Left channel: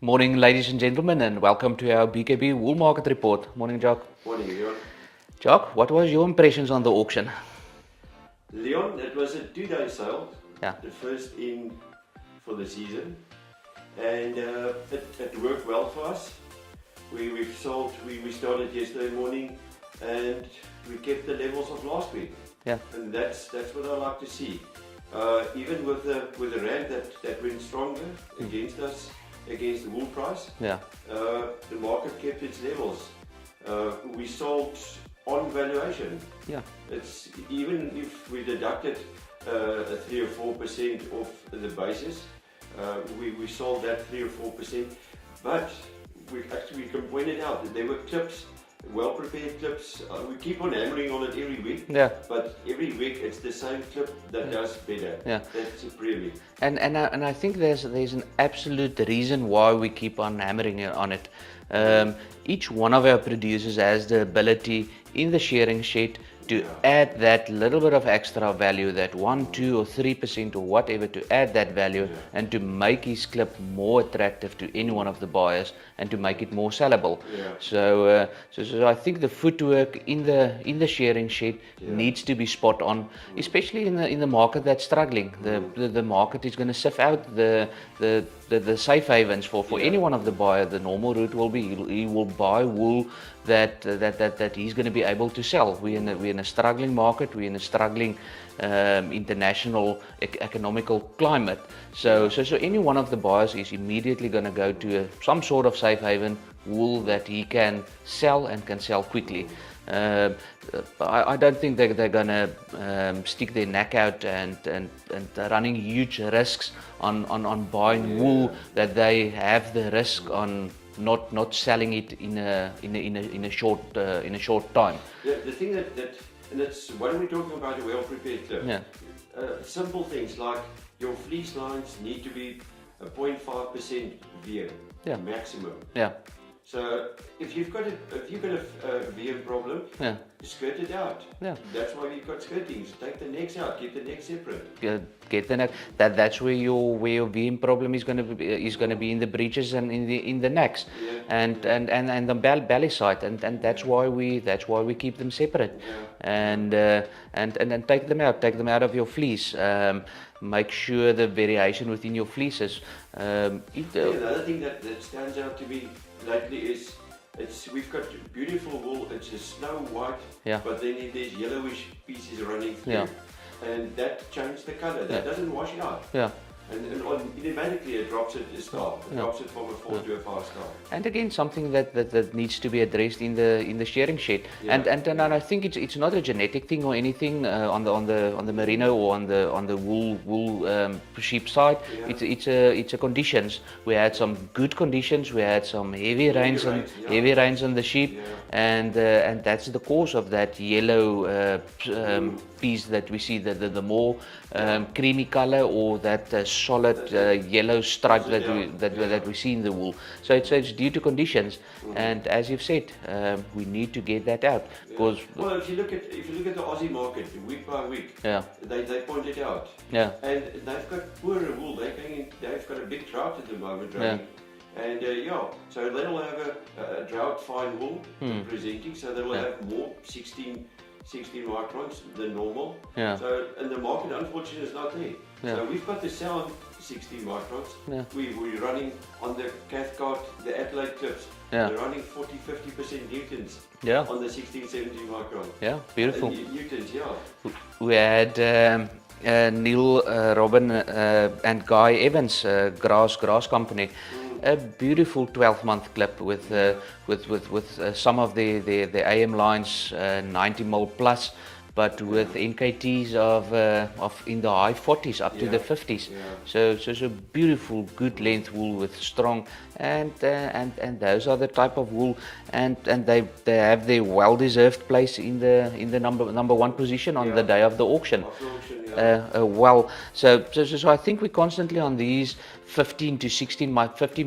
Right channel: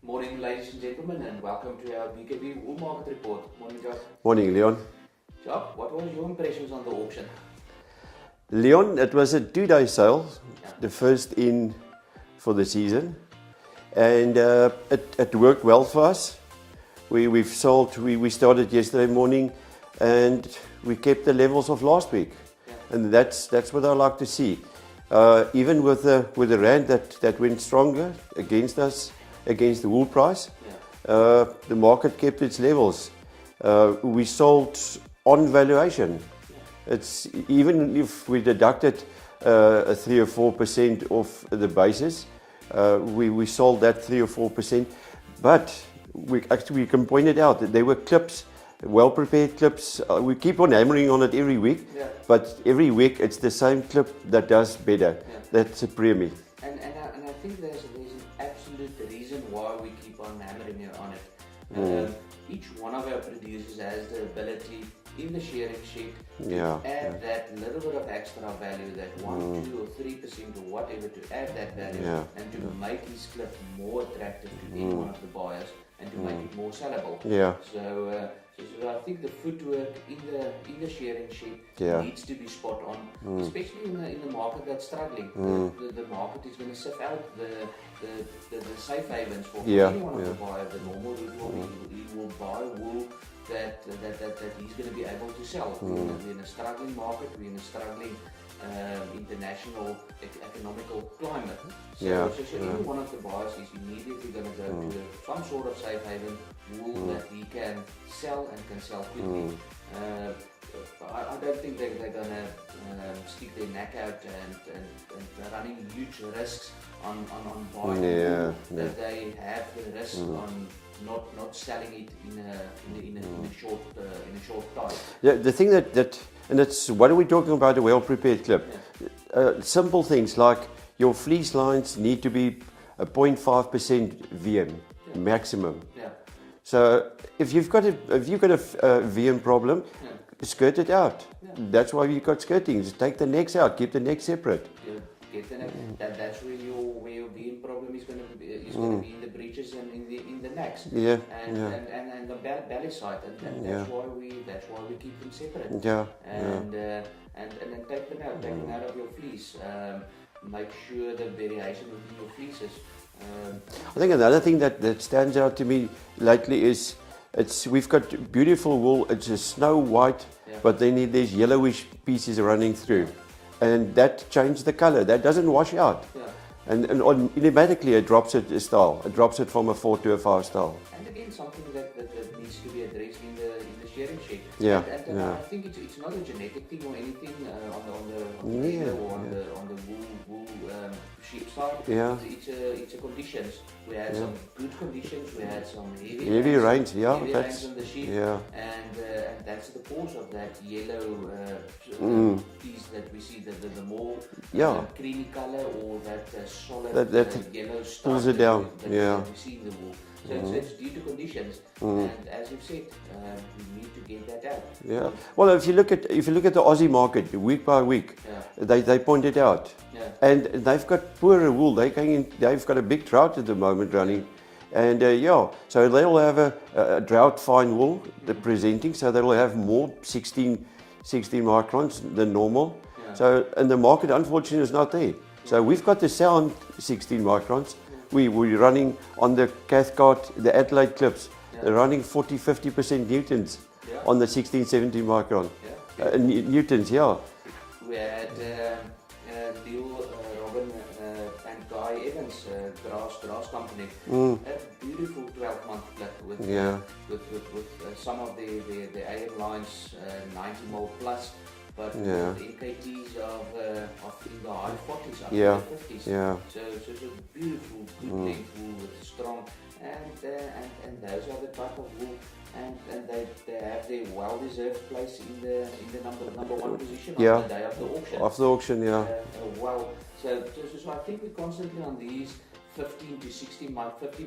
Morning, ladies and gentlemen, and welcome to our BKB Wool Market Report. Morning, Jacques. Morning, Leon. Jacques, what was your impressions on the auction? Leon, it was a 2-day sale, Yeah. the first in for the season, and it worked well for us. We started yesterday morning, and we kept the levels of last week. Yeah. And that's what I like to see. Even with the rand that went stronger against us, against the wool price, Yeah. the market kept its levels. We sold on valuation. Yeah. It's even if we deducted a 3 or 4% off the basis, we sold that 3 or 4%. But we can point it out that there were clips, well-prepared clips. We keep on hammering on it every week. Yeah. But every week it's the same clip that does better. Yeah. That's a premium. And I think there's an absolute reason why we keep on hammering on it. Each one of our producers has the ability in the shearing shed to add that little bit of extra value, that 1, 2 or 3% or whatever, to add that value and to make his clip more attractive to any one of the buyers and to make it more sellable. Yeah. So I think the footwork in the shearing shed needs to be spot on, especially in the market that's struggling. The market is going to sift out the safe havens for any one of the buyer. The normal route will be he will buy wool that he's going to be able to sell. We're in a struggling market. We're in a struggling international economical climate. So any one of the buyers is immediately going to go to some sort of safe haven wool that he can sell and can sell quickly. I don't think they're going to stick their neck out and running huge risks on buying wool that they have the risk on not selling it in a short time. Yeah, the thing that and it's what are we talking about, a well-prepared clip? Yeah. Simple things like your fleece lines need to be a 0.5% VM maximum. Yeah. So if you've got a VM problem, skirt it out. Yeah. That's why we've got skirtings. Take the necks out, keep the neck separate. Get the neck. That's where your VM problem is going to be in the breeches and in the necks. Yeah. And the belly side, and that's why we keep them separate. Yeah. And then take them out of your fleece. Make sure the variation within your fleeces. I think another thing that stands out to me lately is we've got beautiful wool. It's a snow white, but then there's yellowish pieces running through, and that changes the color. That doesn't wash out. Yeah. And automatically it drops it a style. It drops it from a 4 to a 5 style. And again, something that needs to be addressed in the shearing shed. And I think it's not a genetic thing or anything on the merino or on the wool sheep side. Yeah. It's a conditions. We had some good conditions. We had some heavy rains on the sheep, and that's the cause of that yellow piece that we see. The more creamy color or that solid yellow stripe that we see in the wool. So it's due to conditions, and as you've said, we need to get that out. Yeah. Well, if you look at the Aussie market week by week, they point it out. Yeah. And they've got poorer wool. They've got a big drought at the moment running. And so they'll have a drought fine wool presenting, so they'll have more 16 microns than normal. Yeah. So, and the market unfortunately is not there. Yeah. So we've got the sound 16 microns. Yeah. We're running on the Cathcart, the Adelaide clips. Yeah. They're running 40-50% newtons on the 16-17 micron. Yeah, beautiful. Newtons, We had Neil, Robin and Guy Evans, Grass Company, a beautiful 12-month clip with some of the AM lines 90 mil plus, but with NKTs of in the high 40s up to the 50s. Yeah. So beautiful, good length wool with strong. and those are the type of wool, and they have their well-deserved place in the number one position on the day of the auction. Of the auction, So I think we're constantly on these 15 to 16,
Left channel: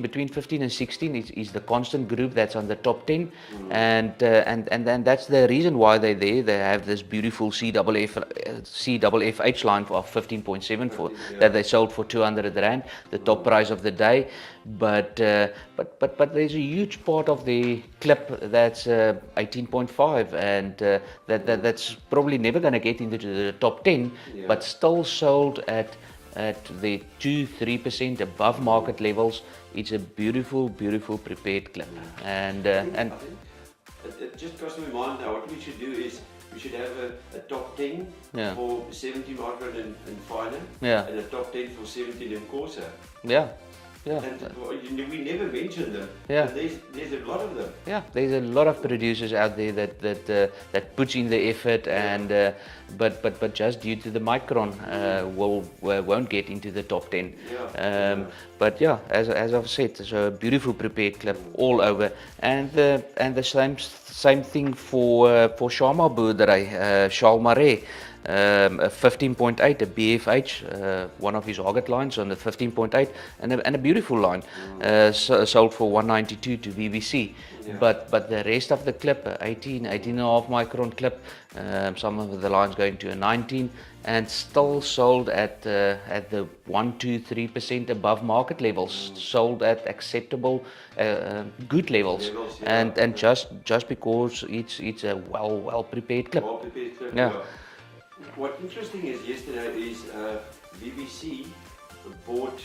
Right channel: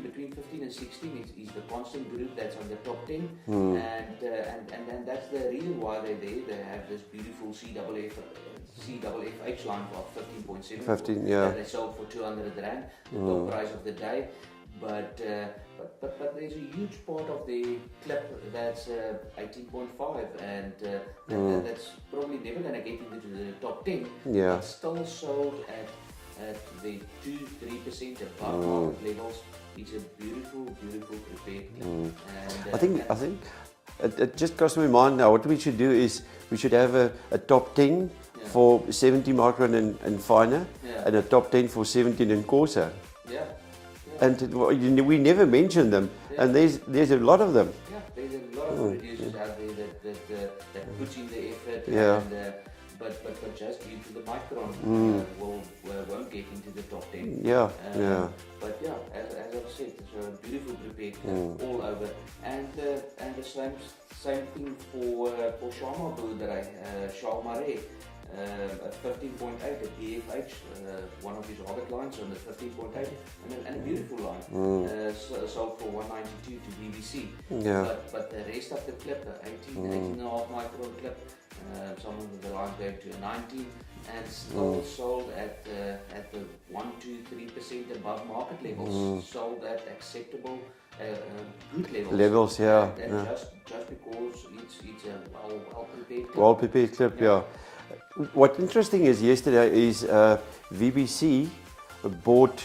between 15 and 16 is the constant group that's on the top 10, and then that's the reason why they're there. They have this beautiful CFFH line of 15.7 that they sold for 200 rand, the top price of the day. But there's a huge part of the clip that's 18.5, and that's probably never going to get into the top 10, but still sold at the 2-3% above market levels. It's a beautiful prepared clip. And I think it just crossed my mind now. What we should do is we should have a top 10 for 70 micron and finer, and a top 10 for 17 and coarser. Yeah. And we never mention them, and there's a lot of them. Yeah, there's a lot of producers out there that puts in the effort, and but just due to the micron, won't get into the top 10. But as I've said, it's a beautiful prepared clip all over, and the same thing for Sharma Boerdery, Charles Marais. A 15.8, a BFH, one of his Hoggett lines on the 15.8, and a beautiful line, sold for 192 to BBC. But the rest of the clip, 18.5 micron clip, some of the lines going to a 19, and still sold at the 1-3% above market levels, sold at acceptable, good levels. And just because it's a well prepared clip. Well prepared clip, What's interesting is yesterday is VBC bought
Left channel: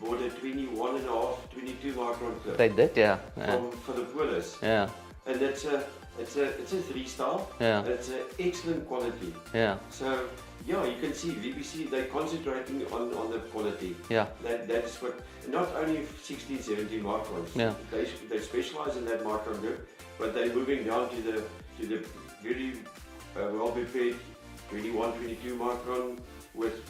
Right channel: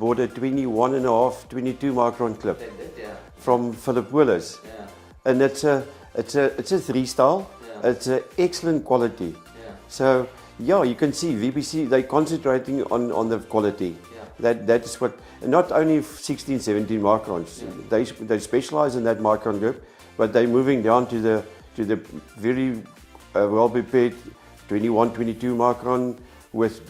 a 21.5, 22 micron clip. They did, from Philip Willis. And it's a 3 style. It's an excellent quality. So you can see VBC, they're concentrating on the quality. That's what, not only 16, 17 microns. They specialize in that micron group, but they're moving down to the very well prepared 21, 22 micron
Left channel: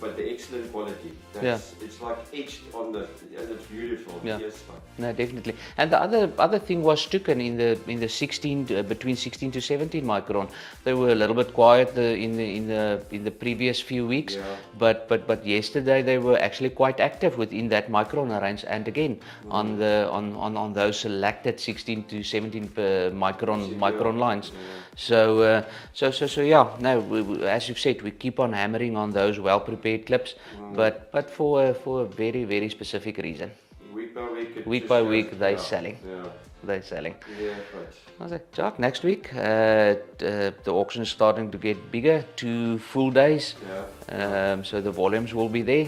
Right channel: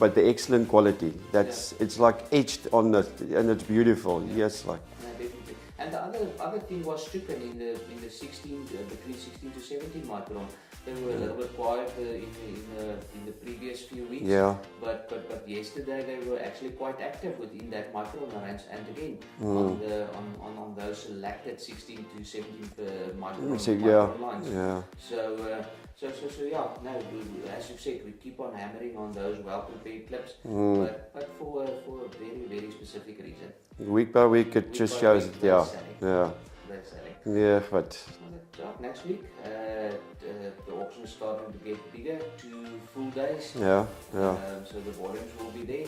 but the excellent quality. It's like etched on the, and it's beautiful. No, definitely. And the other thing was Stukken in the 16 between 16 to 17 micron. They were a little bit quiet in the previous few weeks. But yesterday they were actually quite active within that micron range, and again on those selected 16 to 17 micron lines. So now as you've said, we keep on hammering on those well-prepared clips, but for a very, very specific reason. Week by week, they're selling. They're selling. But I was like, Jacques, next week the auction is starting to get bigger, 2 full days. So the volumes will be there.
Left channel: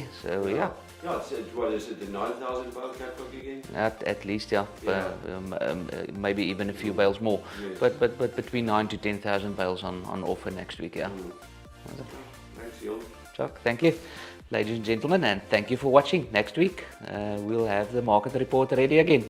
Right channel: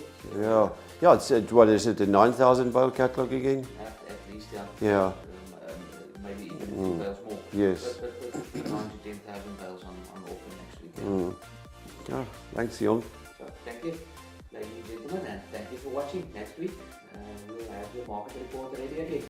So it's what is it, the 9,000 bale catalog again? At least, maybe even a few bales more. But between 9 to 10,000 bales on offer next week. Thanks, Jon. Jacques, thank you. Ladies and gentlemen, and thank you for watching. Next week we'll have the market report ready again.